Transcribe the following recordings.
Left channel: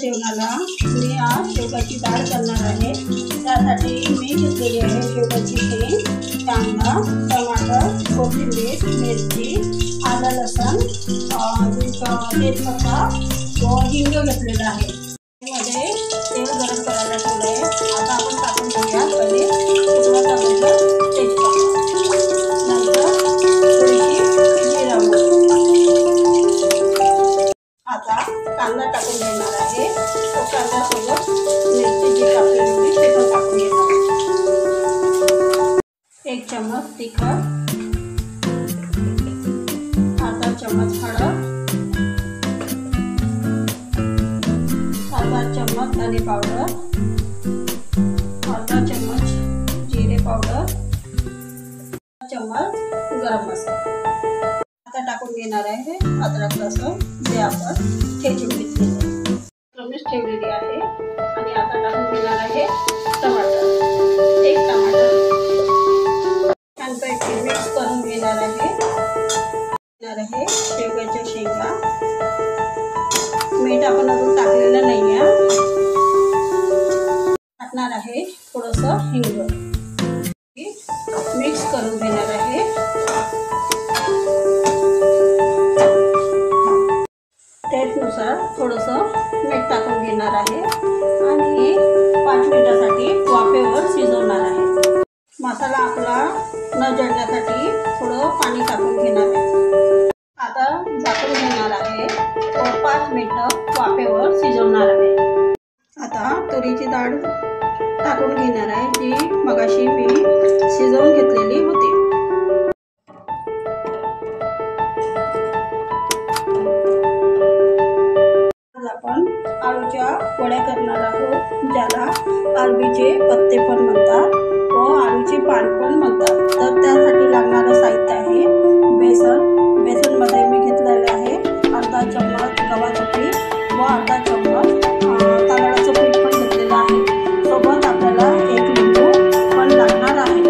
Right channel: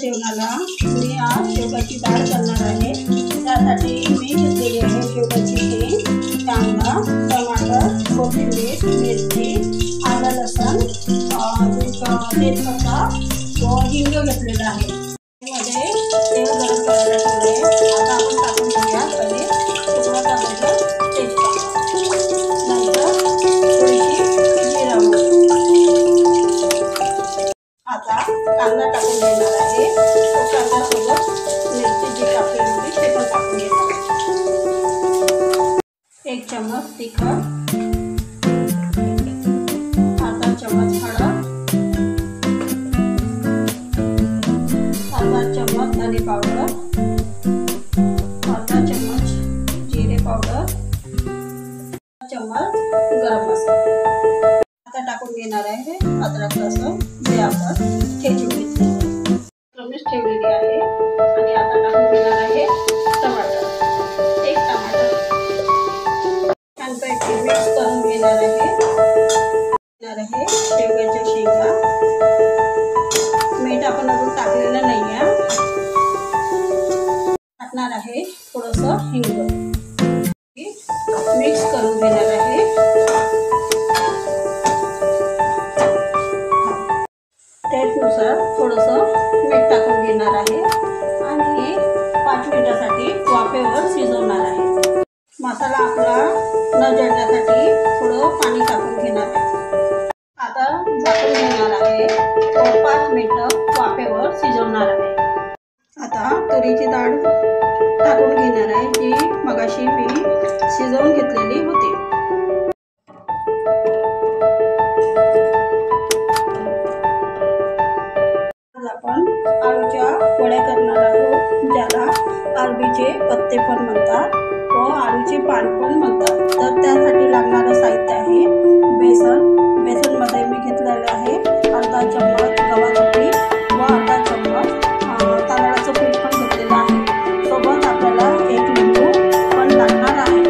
जेवणाला मी आज शेवगाची डाळ करणार आहे। त्यासाठी मी घेतलेली आहे शेवगाची शेंग, कांदा, टमाटर, कोथिंबीर, मिरची, आलं लसूण, तेजपत्ता व हिंग घेतलेला आहे। मध्ये तेल गरम करायला ठेवलं आहे। आता आपण टाकून घेऊया पहिले पूर्ण टाकून तेजपत्ता, नंतर थोडीशी जिरा मोहरी। आता कांदा टाकून घेणार आहे। तो कांद्यासोबत मिरची जी कापलेली होती ते पण टाकून घेणार आहे। 1 चम्मच तिखट, अर्धा चम्मच हळद, अर्धा चम्मच धने पावडर, अर्धा चम्मच जिरे पावडर, अर्धा चम्मच गरम मसाला। आता टाकून घेणार आहे अद्रक लसूण जे आपण ठेचून घेतलेले ठेवलेली आहे। आणि आता टाकून घेणार आहे टमाटर, 1 टमाटर छानपैकी मिक्स करून घेणार आहे। शेवगाच्या शेंगा, मीठ आपण अजून टाकलेलं नाही आहे। टाकणार आहे थोडंसं हिंग, मिक्स करून घेणार आहे। टेस्टनुसार थोडंसं मीठ टाकून घेणार आहे आणि 5 मिनिटासाठी वाफेवर शिजवणार आहे। मसाला आपला न जळण्यासाठी थोडं पाणी टाकून घेणार आहे। आता झाकून घेणार आहे व 5 मिनिटं वाफेवर शिजवणार आहे। आता तुरीची डाळ टाकून घेणार आहे जी मगाशी मी शिजवून घेतलेली होती। आपण आळूच्या वड्या करणार आहोत, ज्याला अरबीचे पत्ते पण म्हणतात व आळूचे पान पण म्हणतात। तर त्यासाठी लागणारं साहित्य आहे बेसनमध्ये मी घेतलेले आहे अर्धा चम्मच गव्हाचं पीठ व अर्धा चम्मच तांदळाचं पीठ पण घेतलेलं आहे। सोबत आपल्याला 1 लिंबू पण लागणार आहे।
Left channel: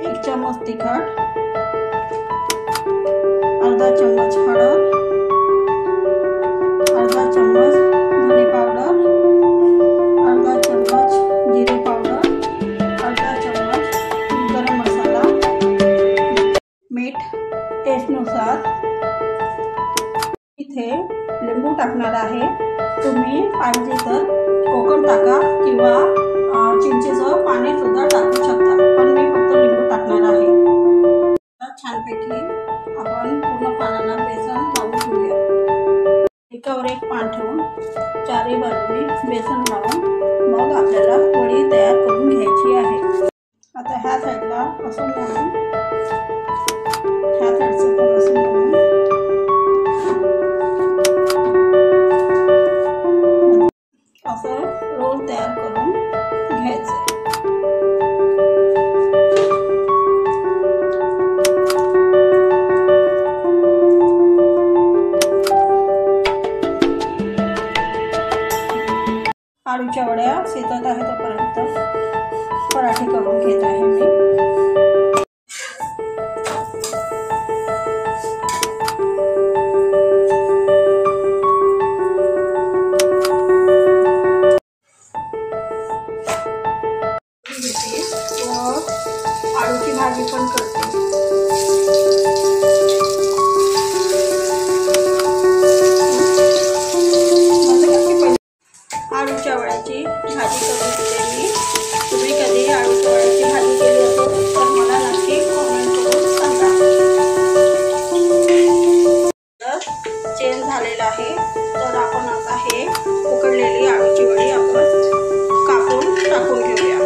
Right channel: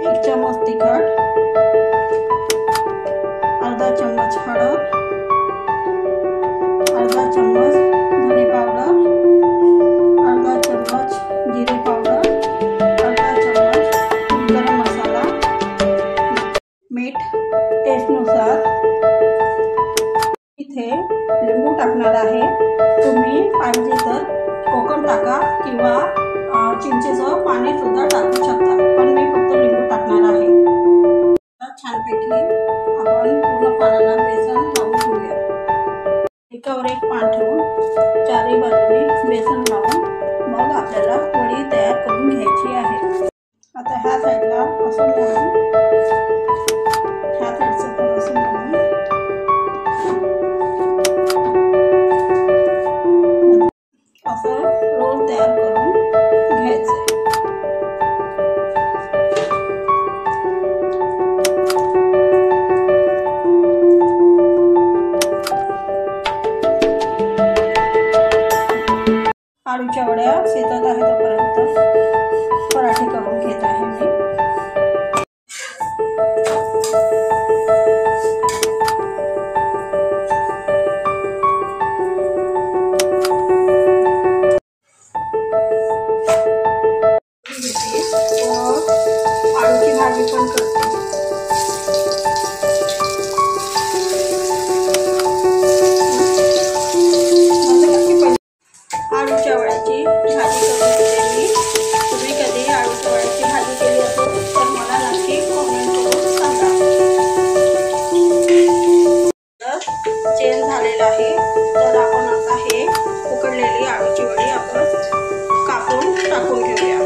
1 चम्मच तिखट, अर्धा चम्मच हळद, अर्धा चम्मच धने पावडर, अर्धा चम्मच जिरे पावडर, अर्धा चम्मच गरम मसाला, मीठ टेस्टनुसार। इथे लिंबू टाकणार आहे। तुम्ही पाहिजे तर कोकम टाका किंवा चिंचेचं पाणी सुद्धा टाकू शकता, पण मी फक्त लिंबू टाकणार आहे। छानपैकी आपण पूर्ण पानाला बेसन लावून घेऊया। एकावर एक पान ठेवून चारही बाजूने बेसन लावून मग आपल्याला वडी तयार करून घ्यायची आहे। आता ह्या साईडला असं लावून ह्या साईडचं पण असं लावून असं रोल तयार करून घ्यायचं। आळूच्या वड्या शिजत आहे तोपर्यंत पराठे करून घेत आहे मी। आळूची भाजी पण करते। आळूच्या वड्याची भाजी करून घेते मी। तुम्ही कधी आळूच्या वड्याची भाजी केली असेल तर मला नक्की कमेंट करून सांगा। चेंज झालेला आहे तर आपण आता हे उकडलेली आळूची वडी आपण कापून टाकून घेऊया।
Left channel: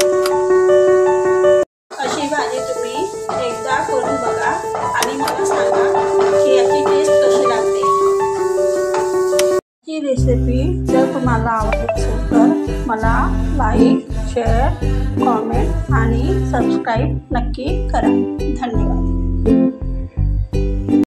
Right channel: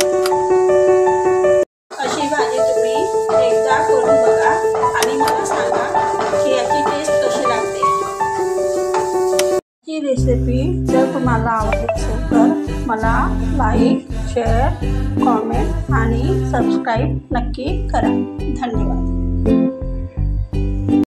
अशी भाजी तुम्ही एकदा करून बघा आणि मला सांगा की याची टेस्ट कशी लागते। ही रेसिपी जर तुम्हाला आवडली असेल तर मला लाईक, शेअर, कमेंट आणि सबस्क्राईब नक्की करा। धन्यवाद।